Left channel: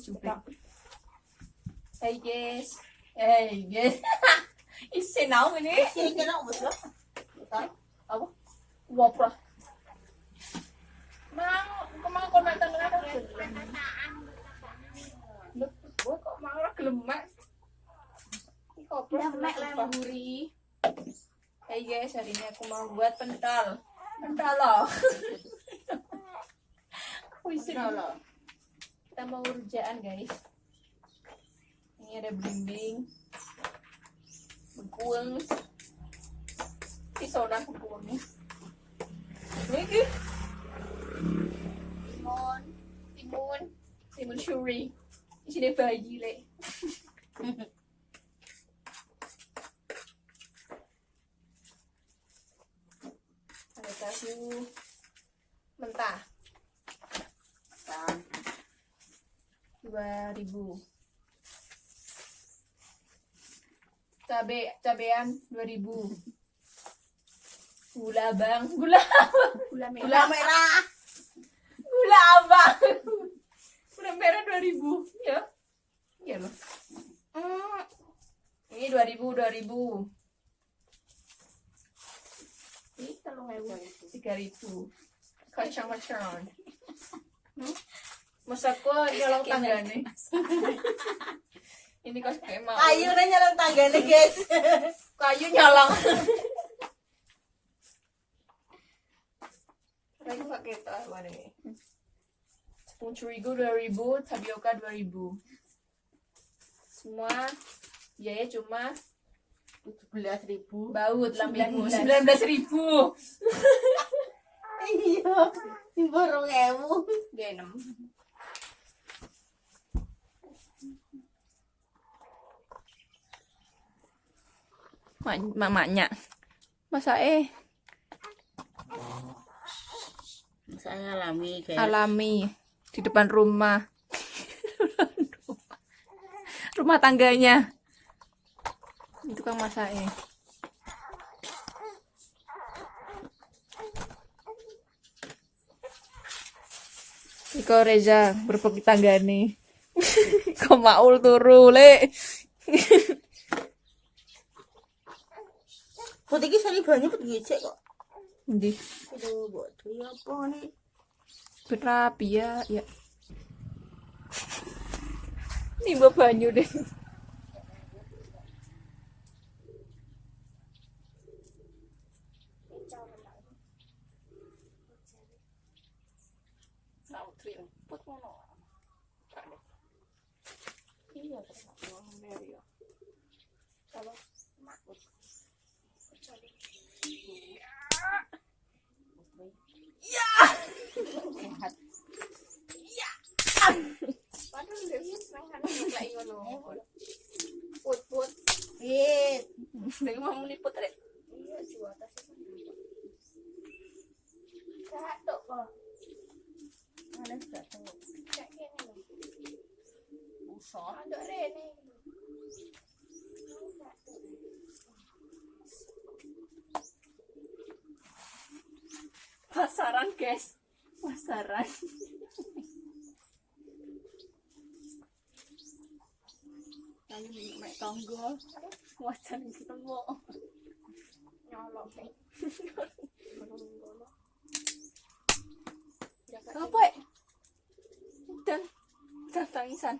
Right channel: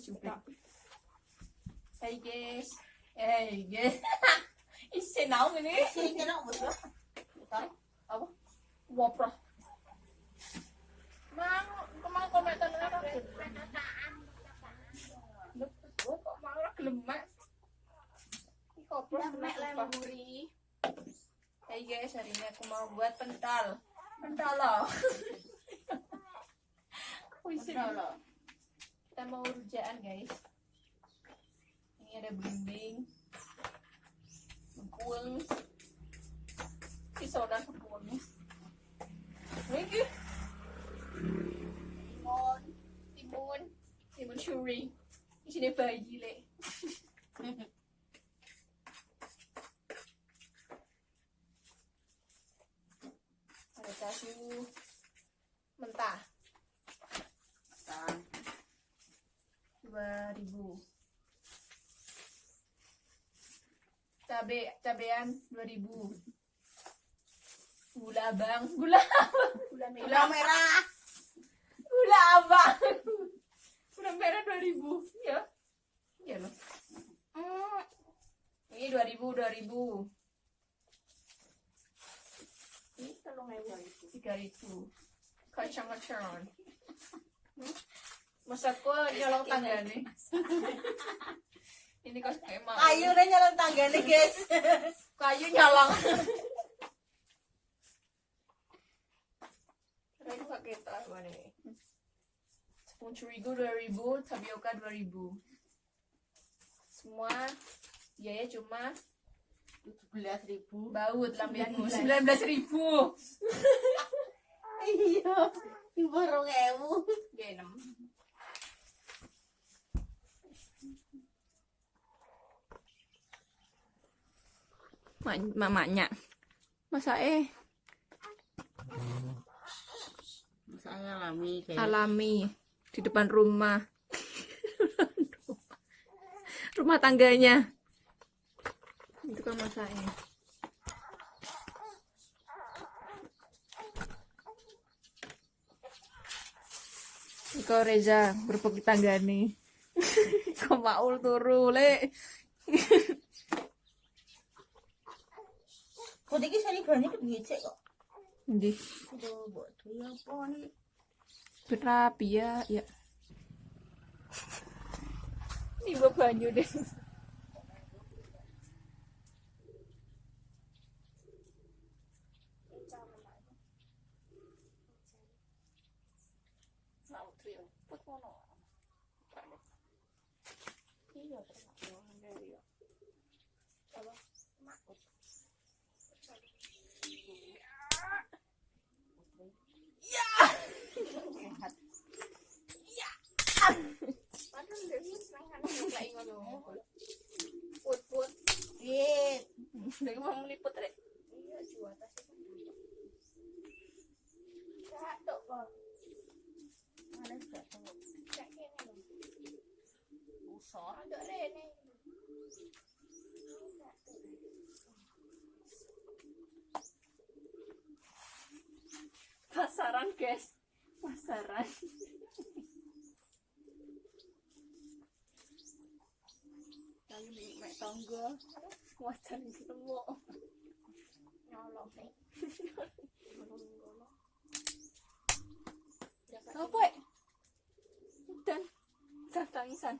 Sudah. Hey guys. Isi naon ini? Sini kena betul. Apa? Wapra. Kemang komentar apa? Gue kok malah gelemek. Ini kopros lemburi. Hey guys, hari ini aku mau buat pental. Pental loh. Kita mau rujaan guys. Ini ada belimbing, bengkuang, pisau dan bengkuangnya. Lagi, timun suri. Di sini bayi le. Ada tahu mentah. 2.000. Cabean 2.000. Gula merah. Gula abang. Gula merah 2.000 ya. Iya loh. Ini 2.000. Ini 3.000. Kacang-kacang. Masak kok nyolong tangga nih. Ini kan kayak mau. Kayu udah nyolong tangga nih guys. Kayu nyolong. Kayu pakai apa nih? Tepung terigu 2.000, tapioka 2.000. Semua biaya cuma 17.000. baut 19.000. Iya, di borong ewu. Genem. Mamanya masa Saya alami di depan rumah rumah tangganya itu kan masa Iko Reza berpeki tangga nih. Kok maul turu le. Kok iki sari banyu begicek kok. Ndi? Aduh, buat apa nih? Berapi ya. Nimba banyu deh. Put. Hit. Lagi mau meliput rek. Iya, jual tasnya. Satu kok. Mana satu? Cak kene lho. Usah. Ada rene. Pasaran guys. Pasaran. Kayu mek tangga. Wajan ketemu. Nyolong nih. Apa? Dan tangisan.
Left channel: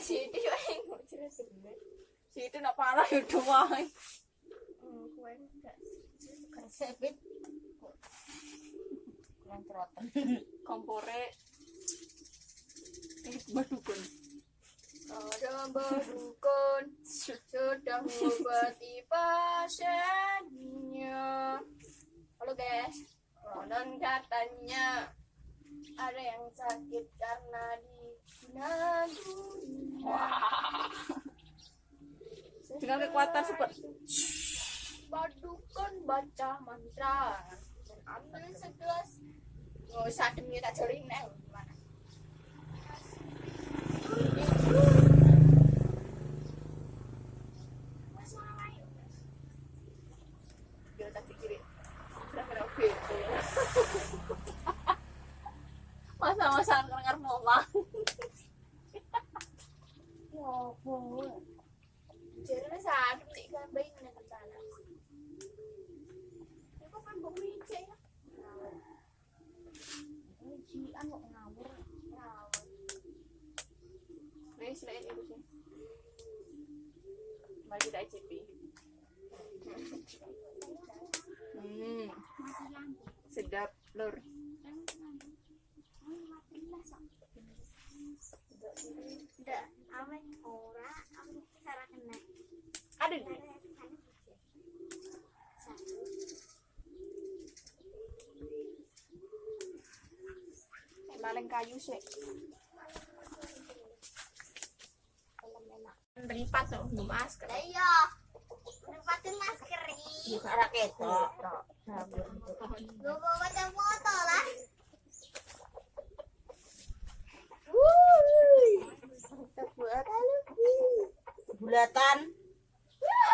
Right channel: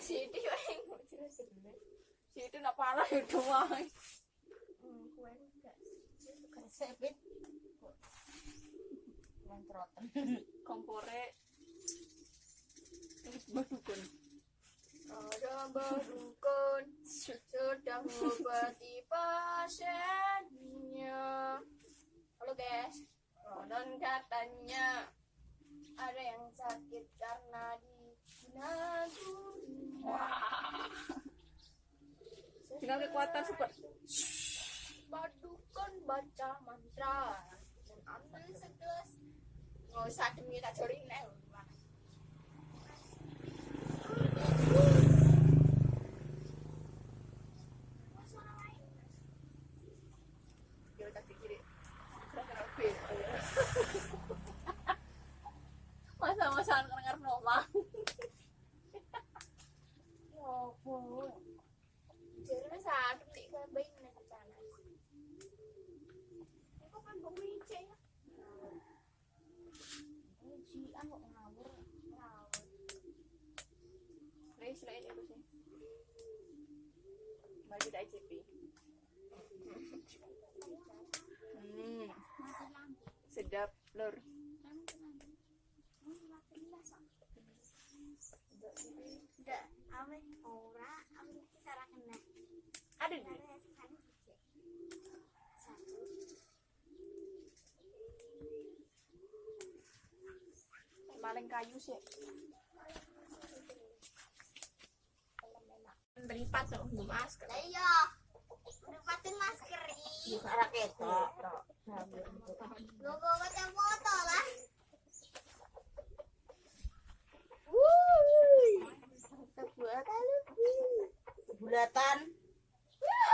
Siti wae ngoceh sebenarnya. Siti nak parah itu wae. Kowe enggak Kan sepit. Lontrotan. kompore badukun. Ada badukun sedang mengobati pasiennya. Halo guys. Konon katanya ada yang sakit karena diguna dunia. Wah. Dengan kekuatan super. Badukun baca mantra dan ambil segelas. Nggak usah demi tak jorin nih gimana? Mas mana lain? Dia tak kiri. Kira-kira oke. Mari kita icipi. Sedap, Lur. Ada di maleng kayu sih. Beripat loh, belum masker. Iya. Nempatin masker iki. Buka raket tok. Gue bawa foto lah. Bulatan.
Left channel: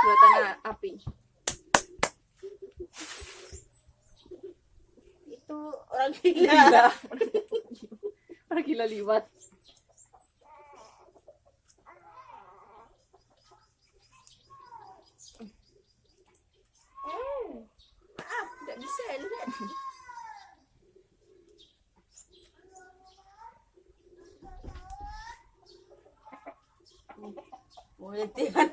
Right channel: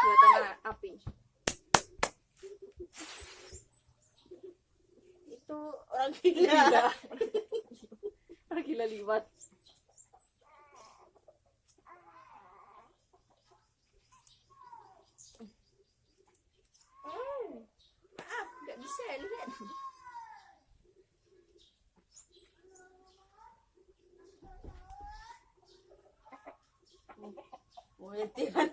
Buatan api. Itu orang gila. Orang gila liwat. Maaf, nggak bisa lihat. Mulitian.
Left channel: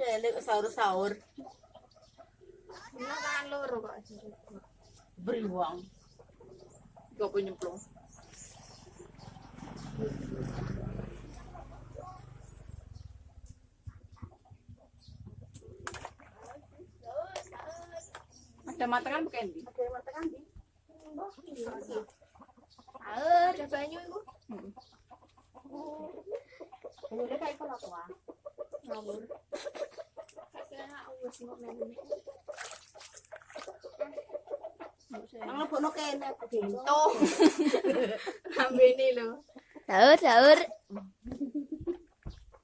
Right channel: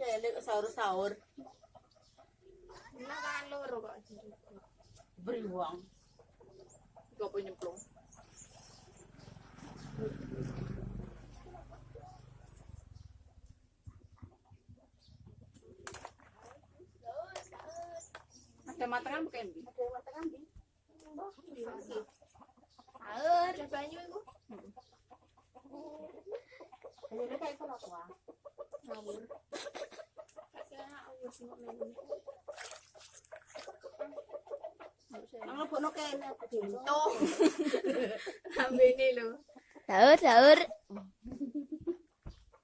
Ya, lek sahur-sahur. Nah, tangan loro kok. Beri uang. Gak punya nyemplung. Ada matangan bukan di? Ada matangan di. Ada banyu itu. Ini kayak kalau tua. Ngawur. Saya awas nggak melu. Nang lebokno kene aku dhewe. Tuh. Ambene lho. Sahur.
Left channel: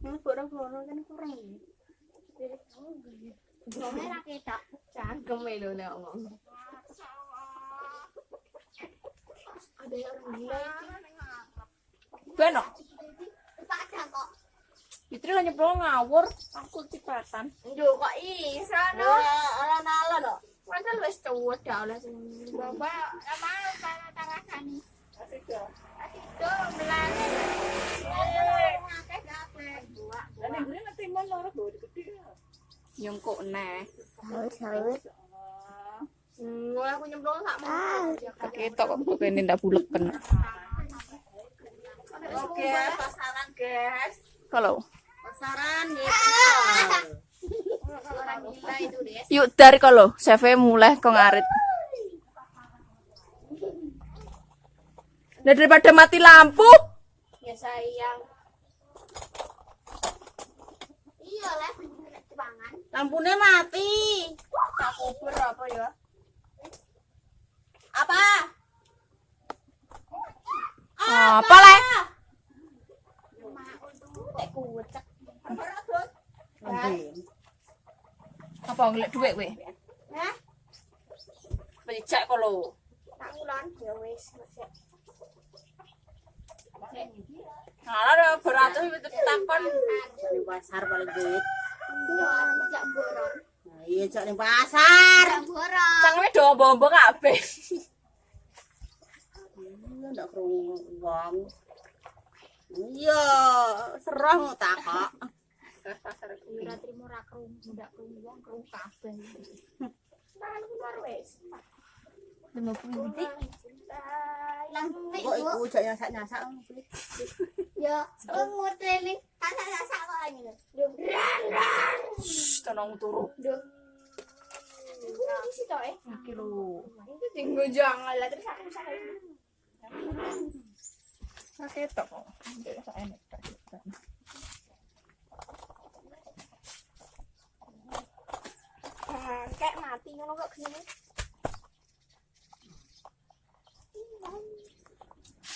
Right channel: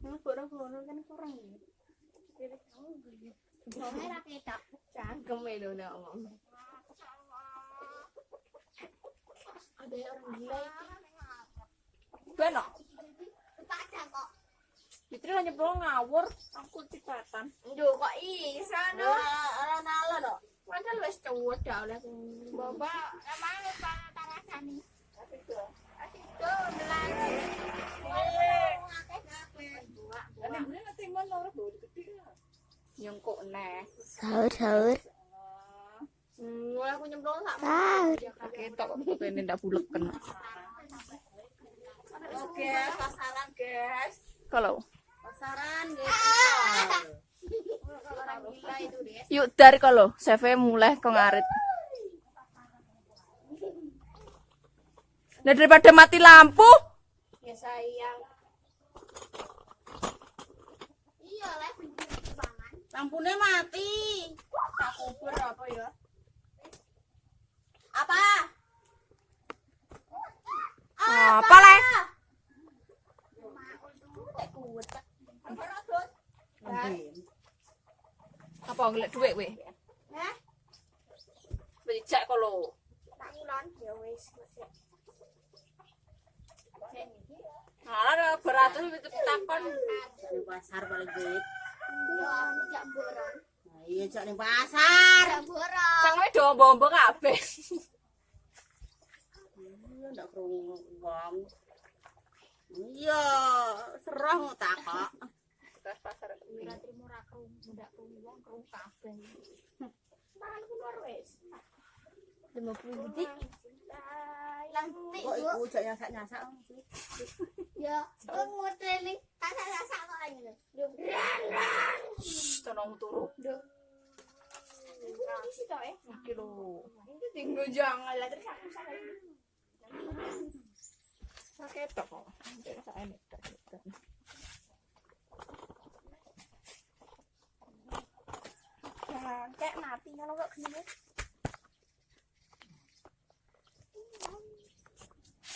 Lebokno kan kurang. Merah ketok. Cangkem lho nek ngomong. Ada orang gila itu. Beno. Pada kok. Fitri lah nyemplung ngawur. Aku cipatan. Duh kok iso no. Ala-ala no. Padahal wis cowok dah oleh. Bapak mau para tangasani. Asik dah. Itu bilang. Lah nek ngene ngerti mon loro do gede. Yang kok neh. Sahur. Mulai aku nyemplung sak mau. Ketok kok kene ndak buleken. Oke, pasaran guys. Kalau Pasaran ya. Orang gila itu deh. yuk dari kalau CV mulai kok ngarit. Nah, daripada mati lampu. Ya sayang. Iya lah, pangan. Lampunya mati. Tak kubur apa ya? Apa? Apa lah? Tak kuat. Nanti. Apa ngelek duit kowe? Hah? Becak kalau. Tak ngulon ya wis. Alah beratus itu takon. Di pasar paling duit. Yo, tidak borong. Nah, iya cok ning pasar. Tidak borong. Cangkeme dombo-dombo kabeh. Iya ndak krungu wong. Iya, serong tak kok. Pasar Ora trimo ra krung, ndak krung wong krung kabeh. Tangan keluar wis. 50 detik. Yang penting Kok iku jak nyasak-nyasak. ya, nguteling tasak-tasak kok ngene. Duh. tolong turu. Duh. Ini sih toh Kilo. Itu tinggal jangan lah terus aku salah. Sakit kok. Tidak enak. Kayak mati ngono kok gini.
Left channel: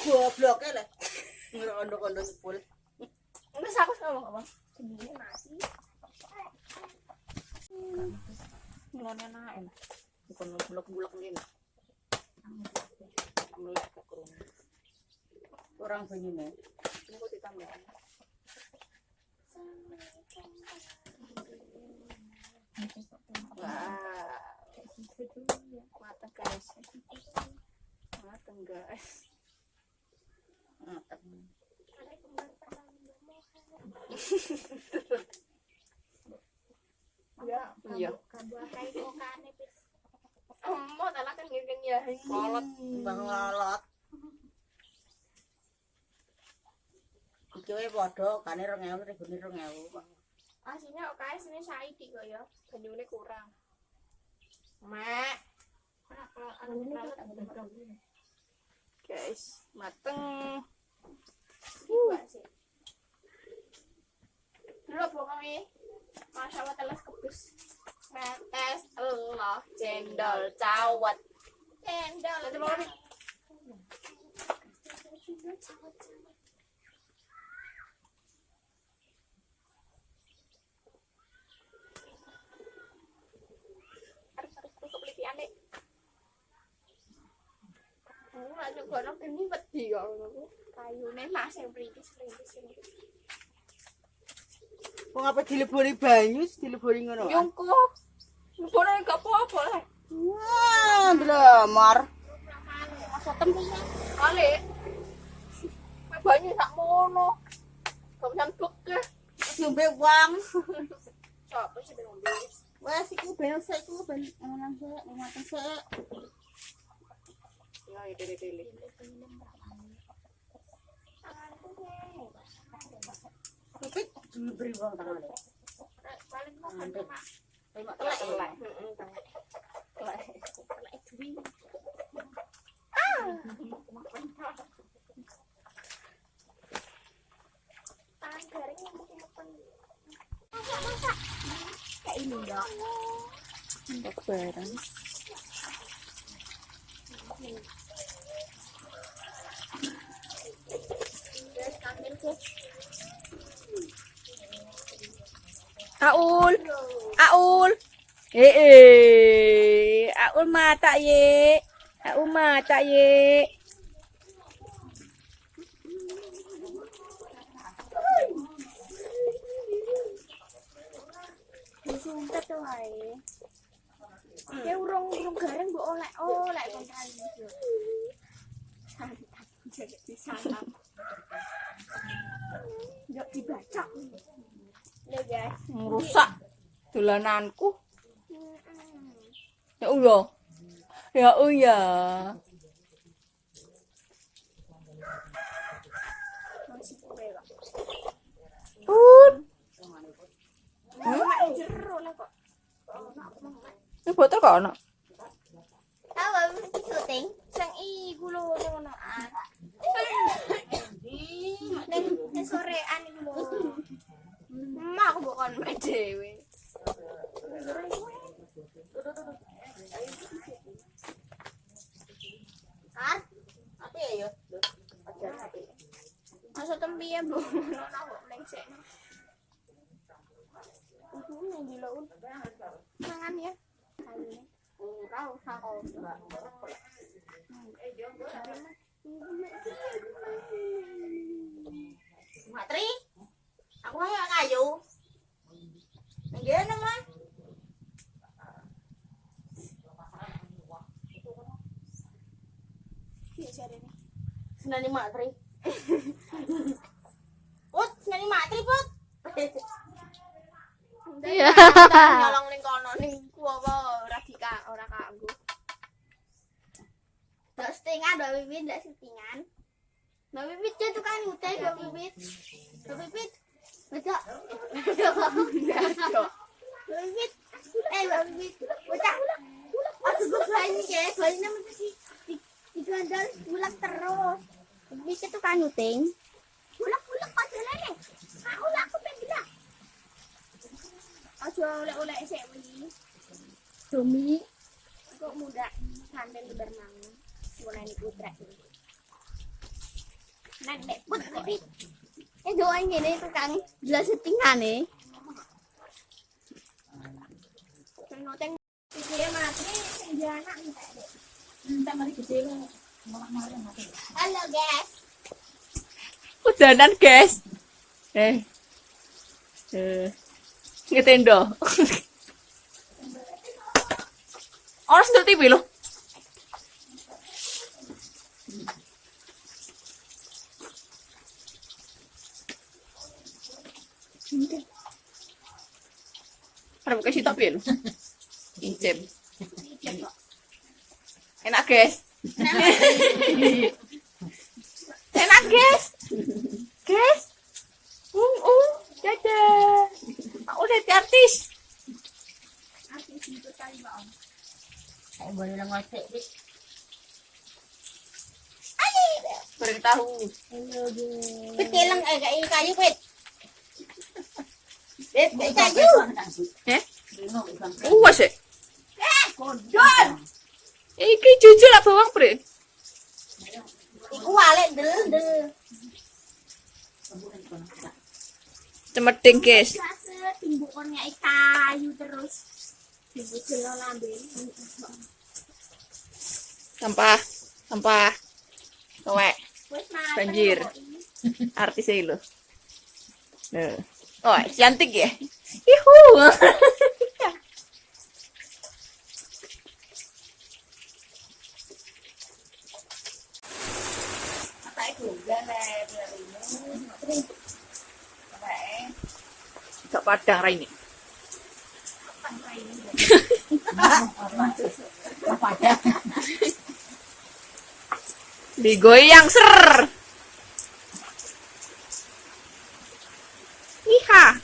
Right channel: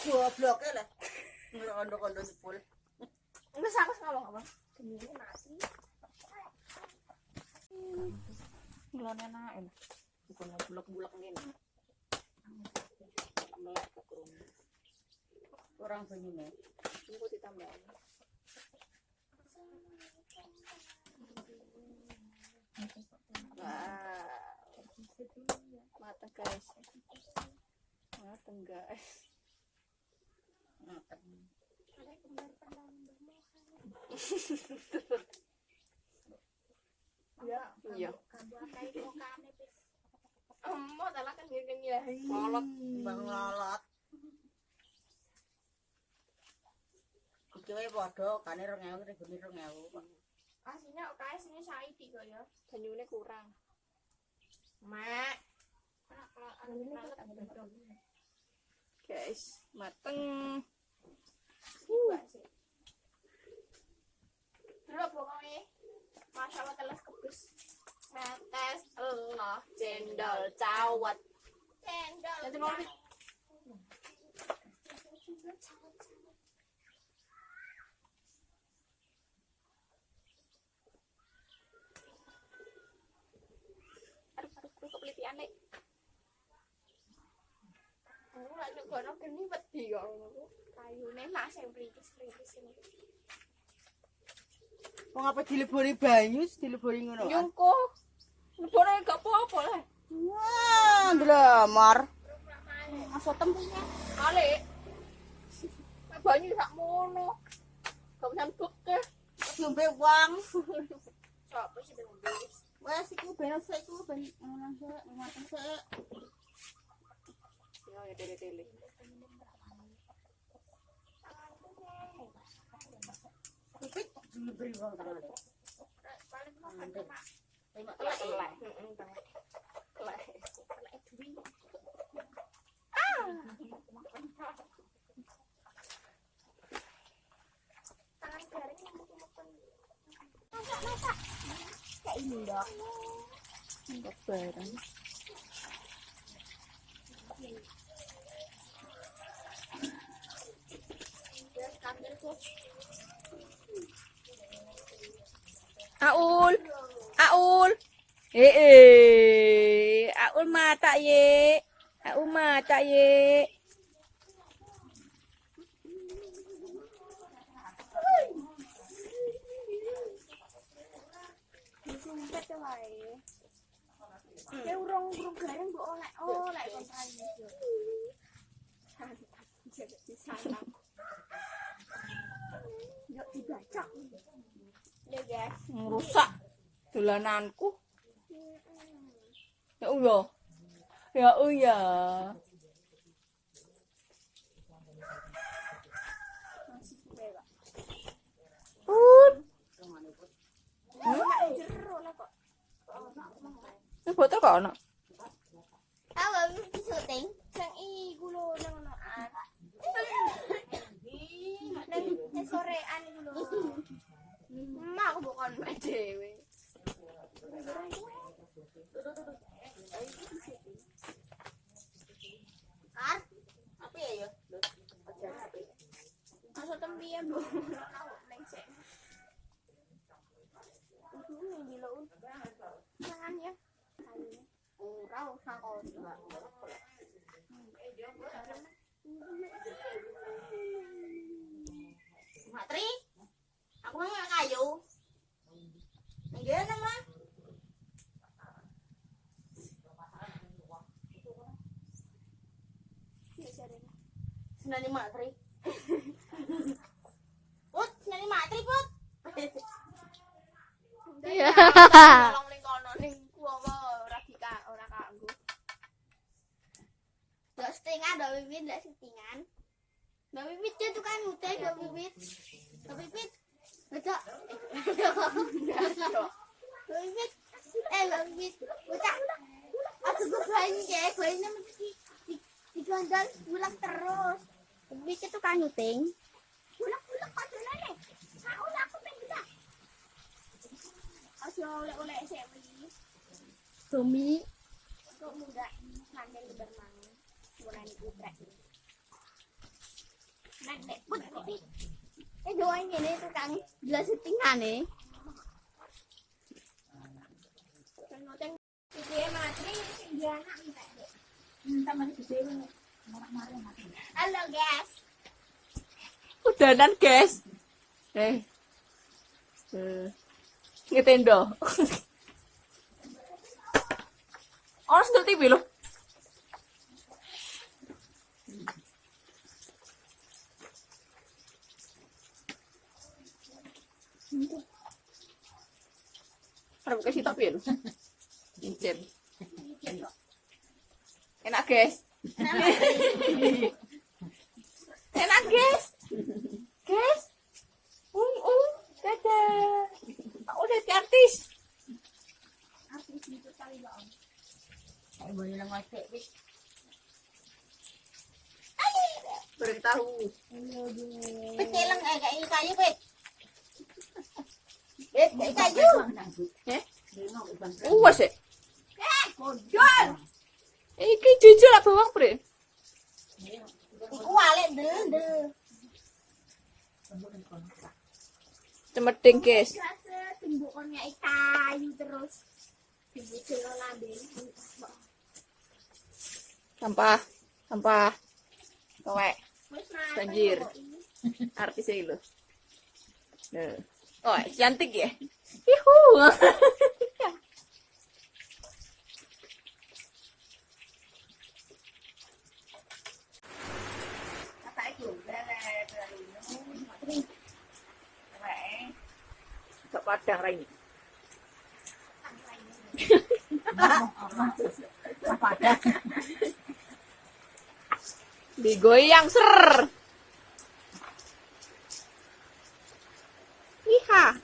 Goblok e lho. Ngondo-ngondo nyepul. Terus aku ngomong apa? Gini mati. Mulane enak. Bukan bulek-bulek ngene. Mulai ke kurung. Orang banyune. Tunggu ditambahin. Wah. Mata guys. Mata guys. Mateng. Ada kembar pandang Kayak kokane pis. Mau tak kan ngene ya. Kolot, bang lolot. Iki wae padha kane 2000 regane 2000 kok. Aslinya okae sini saiki kok ya. Banyune kurang. Mak. Guys, mateng. Dulu pokoknya Masya Allah telas kebus. Metes Allah cendol cawat. Cendol telur. Harus kepelitian deh. Aku gak coba nok ini wedi kok ngono. Kayune mas yang perintis. Wong apa dilebori banyu, dilebori ngono. Nyungku. Boleh gak apa-apa lah. Wah, ndlamar. Masuk tempatnya. Balik. Banyu sak mono. Gak bisa duk ke. Diombe wong. Coba sih ngombe. Wes iku ben sik iku ben ngono sik, mateng sik. Ya dele-dele. Pipit dilebori wong tangane. Paling kok mak. Mak telek ya. Telek duwi. Tangan garing mungkin. Kayak ini ya. Untuk barang. Terus kamil tuh. Aul. Aul mata ye. Aul mata ye. Sumpet tuh wae. Ya urung garing mbok oleh kontraine. Santap jadi disantap. Yuk dibaca. Ya guys. Merusak dolananku. Ya Allah. Ya Allah. Masih kue kok. Mak Jero lah kok. ini botol kok ono. Tahu syuting sang iku lho ning ngonoan. Ning sorean iku lho. Mak aku bukan mek dhewe. Kar, apa ya? Masa tembiye Bu. Aku mlengsek. Yang di laut. Tangan ya. Kayunya. Tahu sakol enggak. Mak Tri. Aku mau kayu. Nggih nang mah. Iya jarene. Senani Mak Tri. Put, senani Mak Tri, Put. Iya. Nolong ning kono ning ku apa ora kanggo. Ndak settingan, Mbak Bibit ndak settingan. Mbak Bibit itu tukang nyutai Mbak Bibit. Mbak Bibit. Bocah. Mbak Bibit. Mbak Bibit. Bocah. Aku banyak ya, banyak mesti digandol bulan terus. Mbak Bibit itu tukang nyuting. Bulak-bulak kok jelek. Aku pengen. Aja oleh-oleh sik beli. Demi kok muda sampai berenang. Mulai putra. Nek put tapi doain ngene tukang jelas settingane. Noteng gede mati sing anak entek, Dek. Entek mari gede lu. Halo, guys. Udanan, guys. Ngetendo. Orang sedot TV loh. Ada kasih tapi loh. Enak, guys. Enak, guys. Guys. Dadah. Aku udah jadi artis. Artis itu kali Mbak Om. Saya boleh ngocek dik. Goreng tahu. Hello guys. Pit kelang kain kayu pit. Pit kain kayu. Eh? Uwas ya? Kodol. Iki jujur lah bawang, Bre. Iku wale del. Cemeding, guys. Biasa timbukannya kayu terus. Timbuk jelo lambe. Sampah. Kowek. Wes mateng Banjir. kok ini. Artis ini loh. Nah. Oh, cantik ya? Yuhu. Apa itu? Galer dari ini. Gak padang Raini. Apa ada? Digoyang ser. Iha.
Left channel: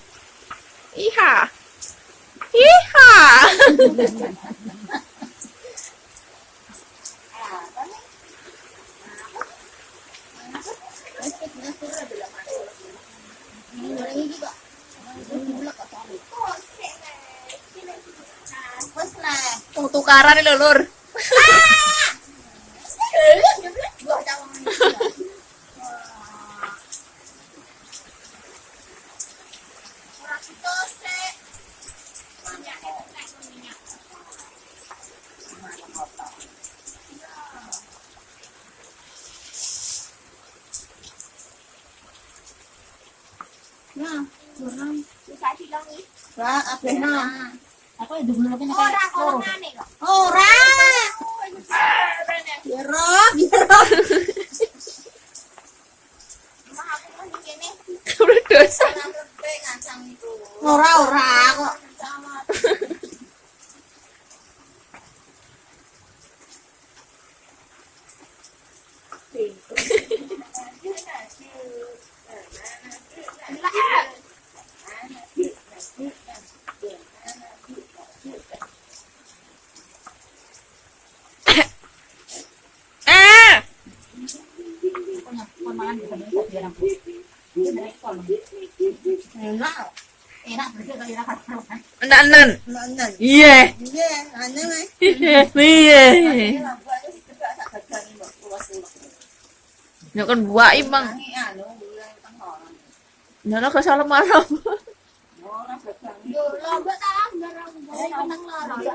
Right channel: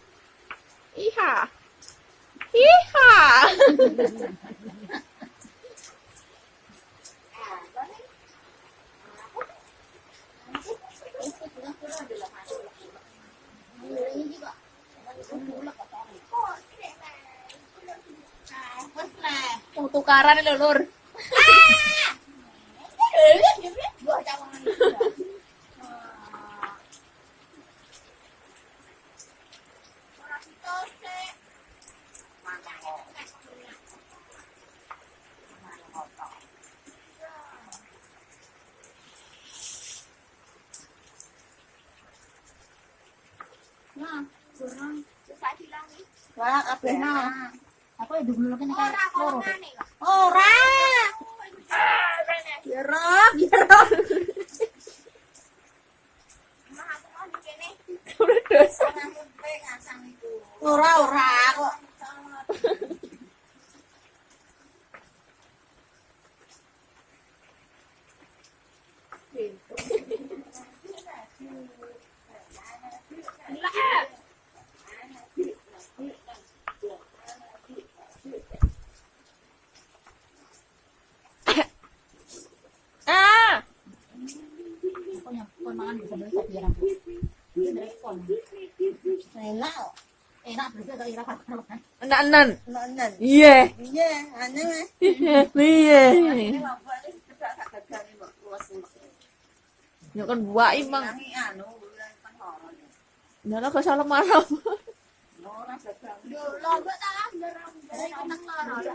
Tukaran nih lur. Lah, apa nah? Aku itu dulu lagi nak Orang aneh kok. Ora. Yerok. Mah aku mau di kene. Udah dosa. Ora kok. Ah. Enak bersih kalau enak kan. Enak-enak. Enak. Iya. Iya, aneh mah. Iya. Ya kan buah bang. Nyala ke salam malam. Yo lomba ta darah menang loro.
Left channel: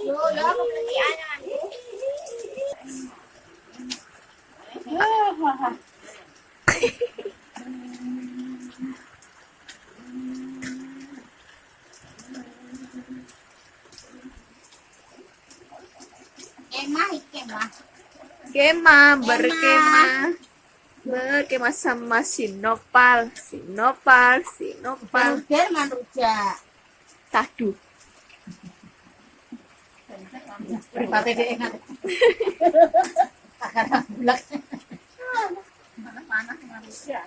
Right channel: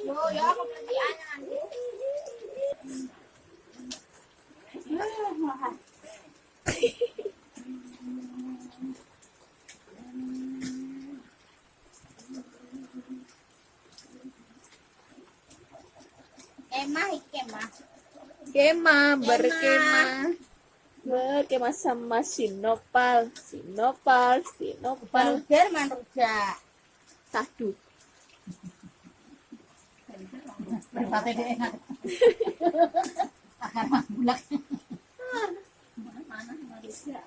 Yo aku beli anyan. Berkemah sama Sinopal. Palger man rujak. Tadu. Pripate dhek enak. Akan bulak. Mana manusia.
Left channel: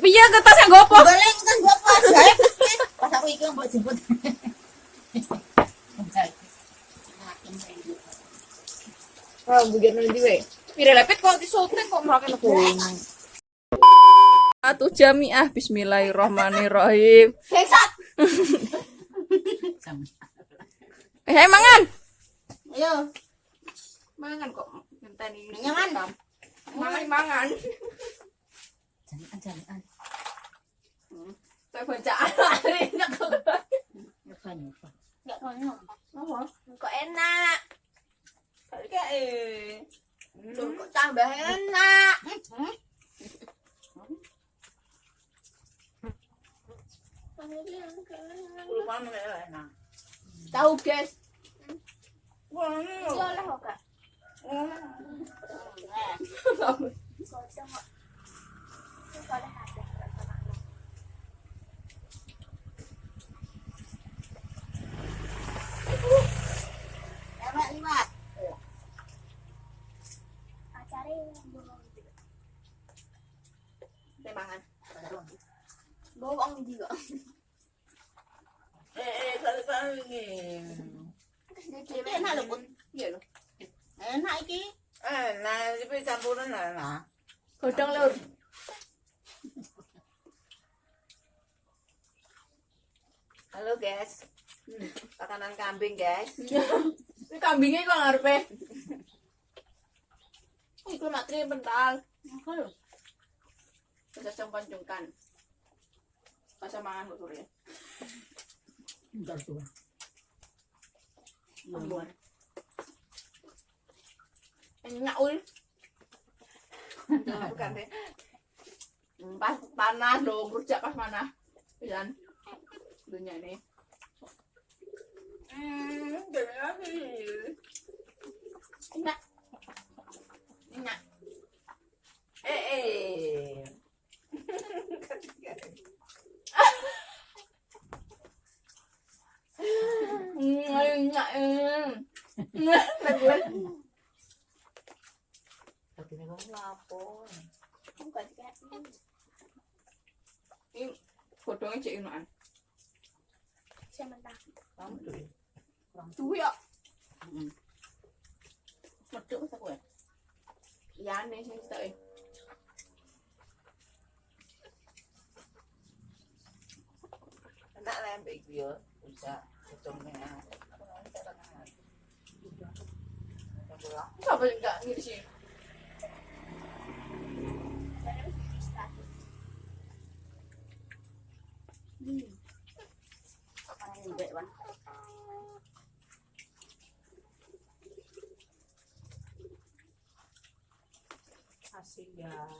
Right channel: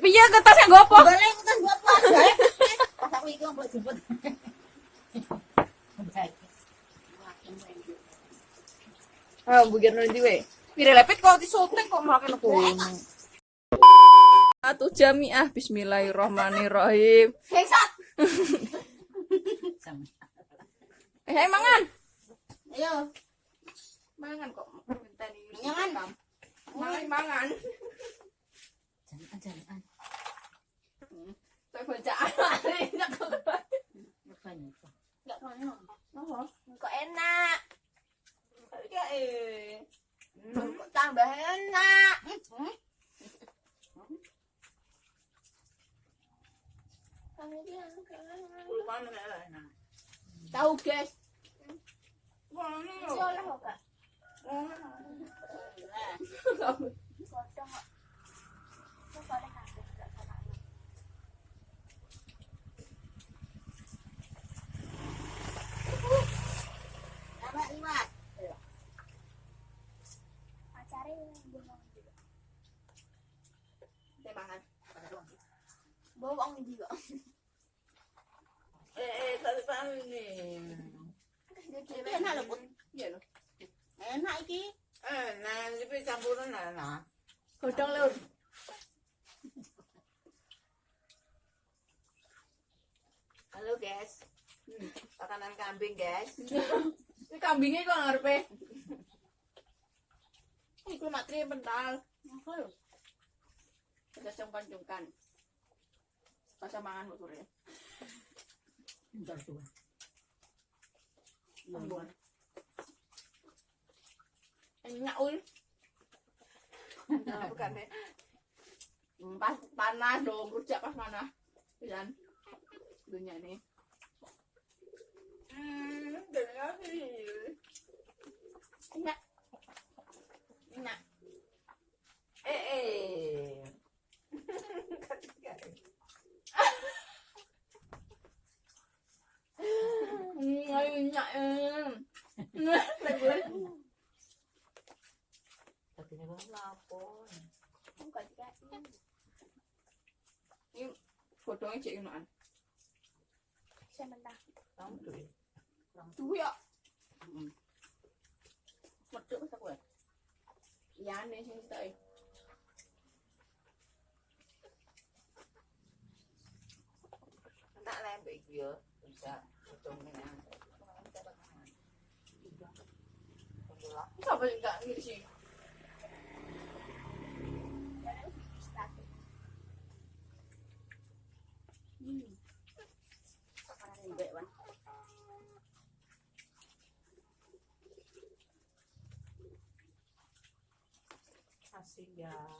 Piye kertasnya gopo? Goleng kan gua pas gawe pas aku iki mbok jemput. Ah, bujur nanti we. Mira lepet kok disotek kok makan kono. Atuh jamiah bismillahirrahmanirrahim. Heksat. Mangan. Ayo, Mangan kok ngenteni. nyaman. Mangan. Jangan. Saya bacaan hari enak kok. Enggak mau. Kok enak. Kayak Kok tambah enak. Kulo kan enak. Tahu guys. Wah, Iya lah kak. Kodong kok. Itu boleh habis sama anak. enak liwat. Acara bohong juga. Temangan. Bohong juga. Kalau ini. Itu enak lho, Bun. Iya loh. Enak iki. Nah, iki campuran enak. Godong lur. Halo, guys. Makanan kambing, guys. Ini kambingnya kok ngarepe. Iku matri pental. Apa lho? Kita cungkan-cungkan. Pas mangan kok sore. Entar tuh. Ambuan. Enak ul. Bukan deh. Pas panas dong, rujak pas mana? Pisan. Dunia ini. Dari lagi. Enak. Enak. Enak. Tapi ini kok lapor. Bukan kayak Ini godongnya cek inoan. sementara. Kamu tuh. Duwe ya. Medhok wis aku ya. Liyane sing tak. Enak lah mbak iki yo. Bisa hitungnya. Siapa yang enggak ngisi? Karena harus distatus. Sekarang ini Wan. Kasihan.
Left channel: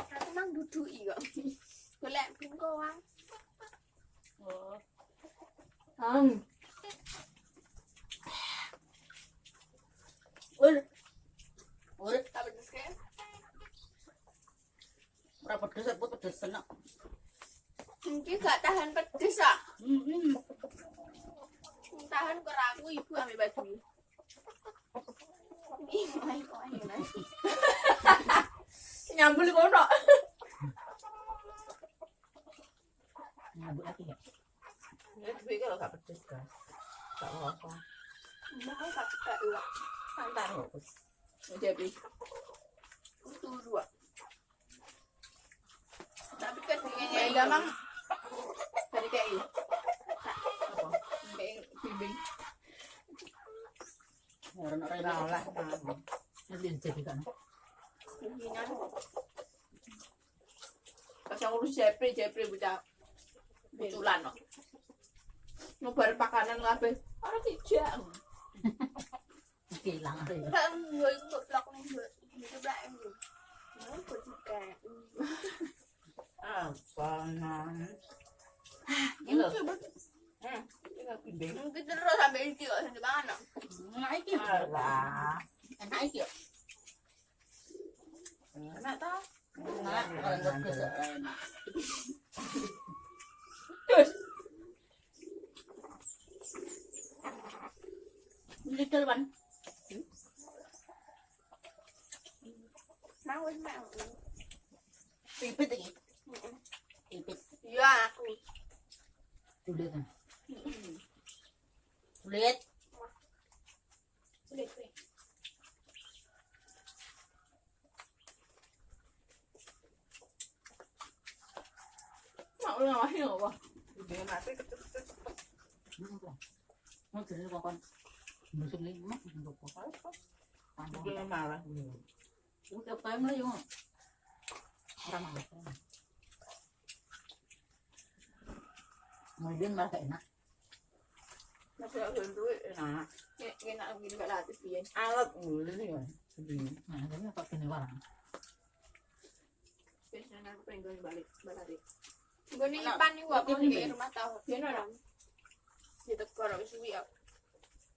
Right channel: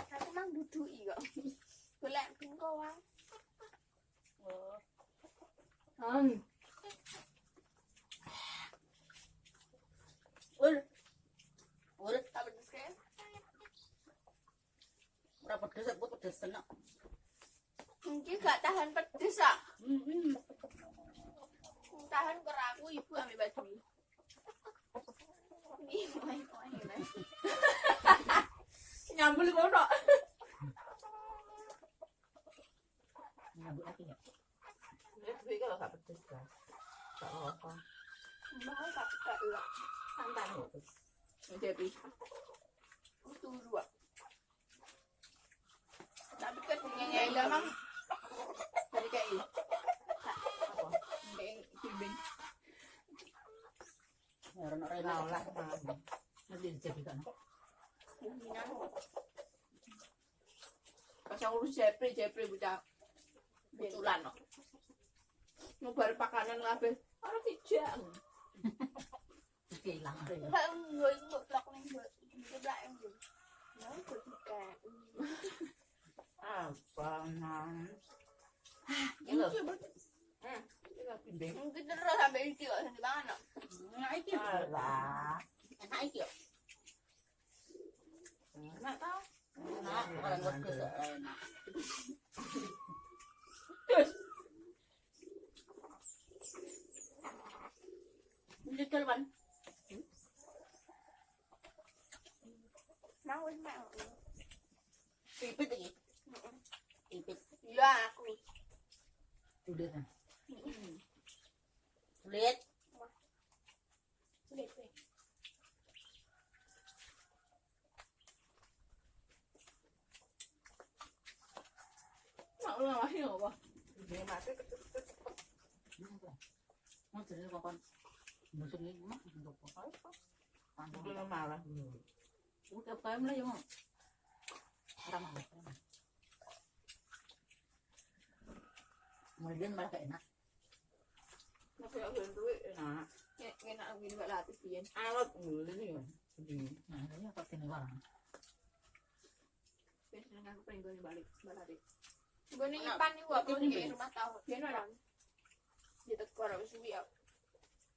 Aku mang dudui kok. Golek bengkoang. Oh. Urip Tak pedes kayak. ora pedes, aku pedes seneng. Mungkin gak tahan pedes ah. Tahan keraku ibu ambil baju. Ini main main. Nyambul kono. Nyambut lagi ya. Ini tapi kalau gak pedes kan. Gak apa-apa. Mau gak suka ulang. Santai kok. Jadi Itu dua. Tapi kan ya enggak mang. Dari kayak ini. Apa? Kayak bimbing. Ora lah. Nanti jadi kan. Pimpinan. Pas yang urus Jepri bocah butulan no. Ngobar pakanan kabeh. Ora tidak. Hilang ada ya. Kan người ngược lọc này người lại người nói của chị cả. Apa nan? Ini loh. Ini bimbing. Kita terus sampai ini kok sampai banget no. Enak iki. Alah. Enak iki yo. Enak ta? Enak, orang pedes enak. Ini kelban. Mang với mẹ. Pipit iki. Pipit. Iya aku. Tulit kan. Tulit. Sulit weh. Mau ngawasin apa? Dia mati ketuk-ketuk. Mau jadi kapan? Musim ini mah untuk apa? Dia marah. Udah time lah yo. Orang marah. Kemudian malah enak. Nasi aku duit enak. Enak gini mbak latih pian. Alat mulu nih kan. Sedih. Nah, tapi apa kini barang? Biasanya aku pengen gue balik latih. Gue nih pan nih gua pun di rumah tahu. Pian orang. Di tekor wis suwi ya.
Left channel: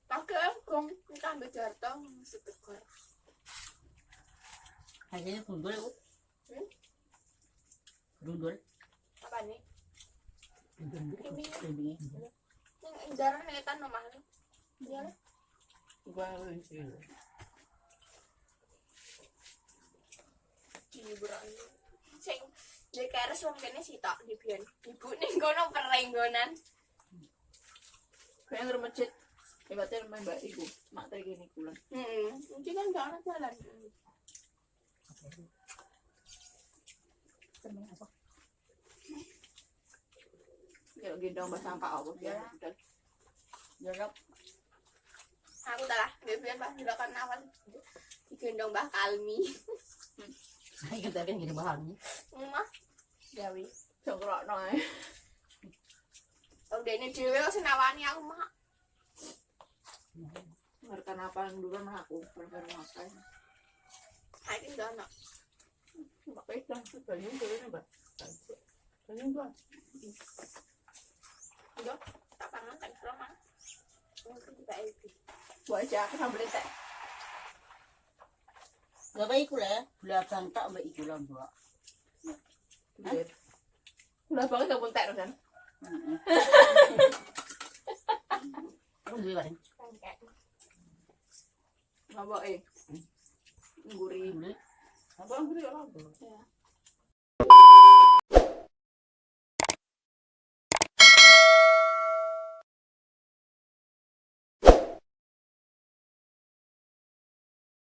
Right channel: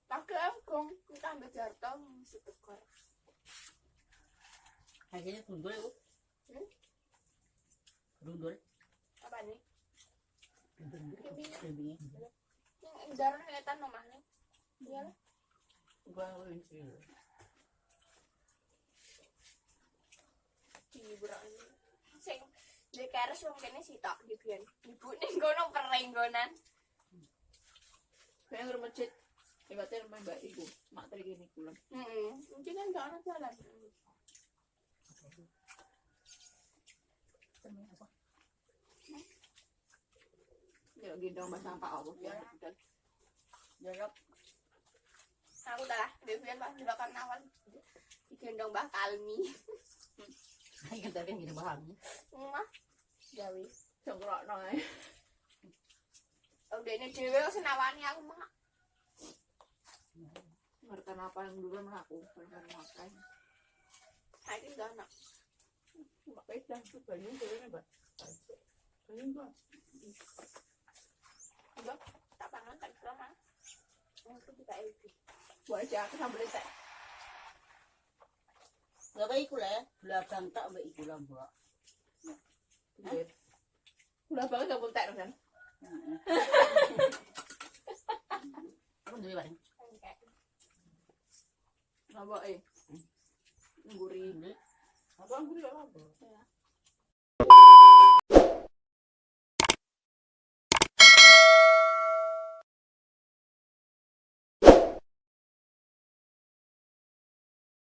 Pakai kong kita ambil jartong setekor. Harganya pundul ya, Bu? Hmm? Pundul. Apa nih? Lebih. Yang darah netan nomah nih. Iya lah. Gua lucu. Hiburan sing dari keres wong kene sitok di biyen ibu ning kono perenggonan Kayak ngeremecet. Hebatnya main mbak ibu. Mak tadi gini pulang. mungkin kan gak ada jalan Temen apa? Ya gendong bahasa angka apa ya. Jarak. aku dah lah di biyen pas di belakang awal digendong Mbah Kalmi Ayo kita kan gini bahan. mah gawe Congkrok noy. udah ini dhewe kok senawani aku mah Ngerti apa yang dulu mah aku baru makan. hari ini gak Mbak pedah banyak tuh mbak. Banyak mbak. udah tak pangan kan selama mungkin kita itu Buat aja aku sambil teh. Gak baik lah, belakang tak baik lah buat. Udah banget kamu teh kan? Kamu beli barang? kayak Ngapa Gurih. Beli. Apa gurih apa?